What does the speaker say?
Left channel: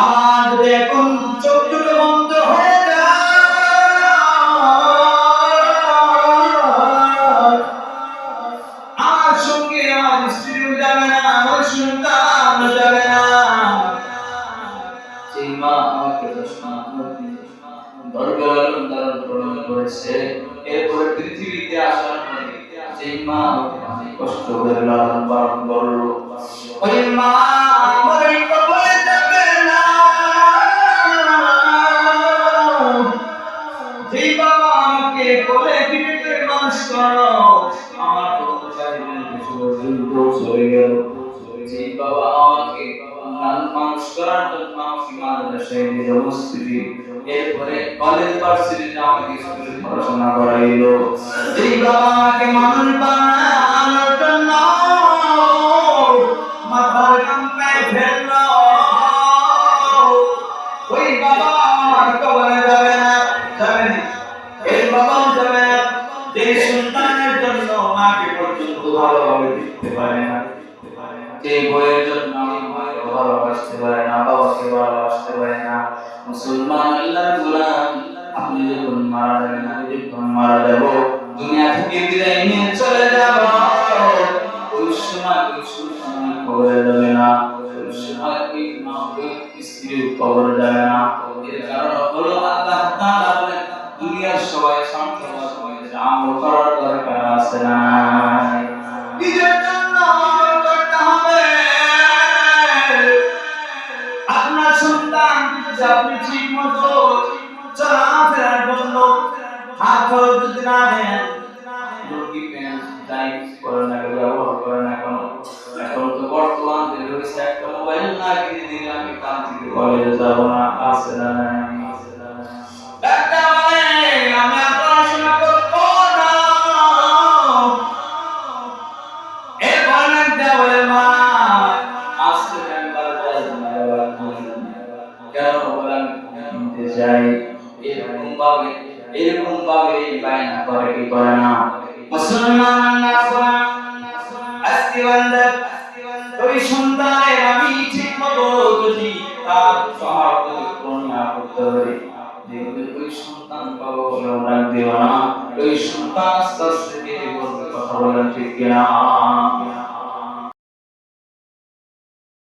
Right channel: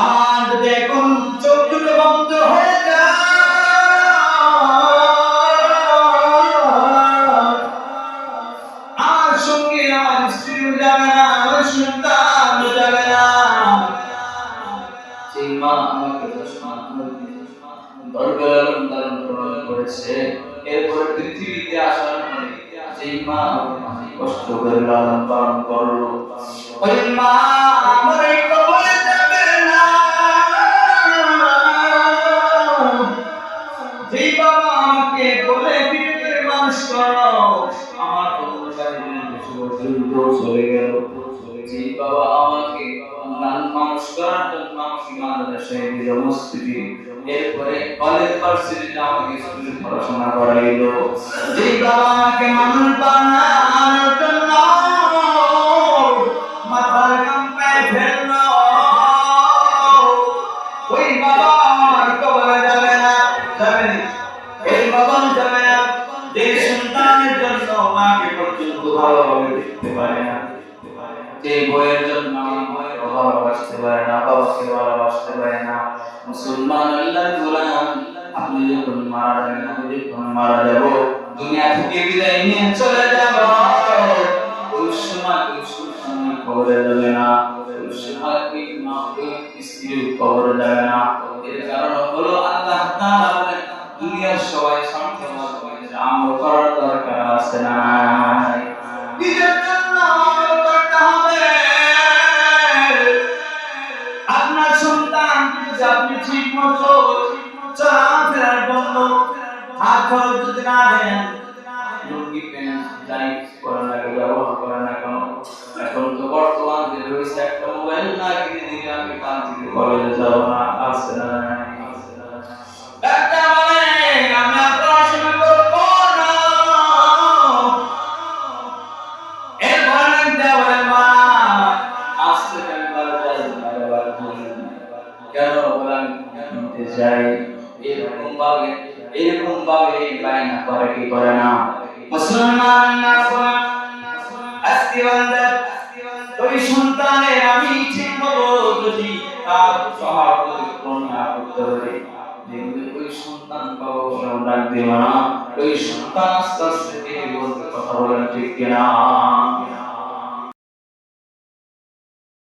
আমার যদি এখন চোখ দুটো বন্ধ হয়ে যায়, আমার সঙ্গে আমার স্ত্রীও যাবে না, আমার সন্তান যাবে না। সেই মা আমাকে 10 মাস গর্ভে লালন পালন করেছে, এরপরে পৃথিবীতে আসার পরে সেই মা অনেক কষ্ট করে লালন পালন করলো, ওই মা আমার এই কবরে যাবে না। যেই বাবা আমাকে কোলে পিঠে করে মানুষ করলো, আমার তো চলে গেল। যেই বাবা আমাকে মানুষ করার জন্য আমাকে মাদ্রাসায় দিল, মসজিদে, এরপরে কলেজ ভার্সিটিতে আমাকে স্কুলে পড়াশোনা করাইলো, যেই বাবা আমাকে মানুষ বানানোর জন্য মাথার ঘাম পায়ে ফেললো, ওই বাবা আমার কবরে যাবে না, যাবে না, এই বাবা যাবে না। যে সন্তানের জন্য মাকে পর্যন্ত ভালোভাবে দেখতে পারে না, যে বইয়ের জন্য মাকে ভালোবাসতে পারে না, বাবাকে ভালোবাসতে পারে না। মুসলমান আল্লাহর গোলাম, আপনি যখন মারা যাবেন, আমি যখন মারা যাব, দুনিয়া থেকে বিদায় নিয়ে চলে যাব, ওই সময় ওই সন্তান কবরে যাবে না, ওই সময় ওই মা ওই স্ত্রী কবরে যাবে না। এর কারণ হলো আল্লাহ তাআলা বলেন, দুনিয়ার সবাই স্বার্থপর, আমল করার দরকার আছে না? নিজের জন্য আমল করতে হবে। আপনার সন্তান যদি আপনি ঠিক মতো চলাফেরার জন্য হাত খরচ যদি না দেন, লুঙ্গি প্যান্ট যাই করেন না কেন, ব্যবহার করেন না কেন, এখন তো বর্তমান যে রয়েছে, একটা মোবাইল না কিনে দিলে আমি কাল থেকে কলেজে যাবো না, আছে না? একটা মানে আমি পড়াশোনা করবো না, এর ভয় না দেওয়ার মা আসছে কেন, কেন বলে আমি কিনতে চাই, এরকম ভাবে বায়না করে কি করে না? মুসলমান না কোরআন আজকে বান্দা ওই সন্তানের আমি ঠিক মতো যদি তার সহাবত না করতে পারি, দেখবে ওই সন্তান বাবা বলে ডাক দেব না, ওই সন্তান আস্তে আস্তে কেটে বলবে, কথা বলেন ঠিক কিনা?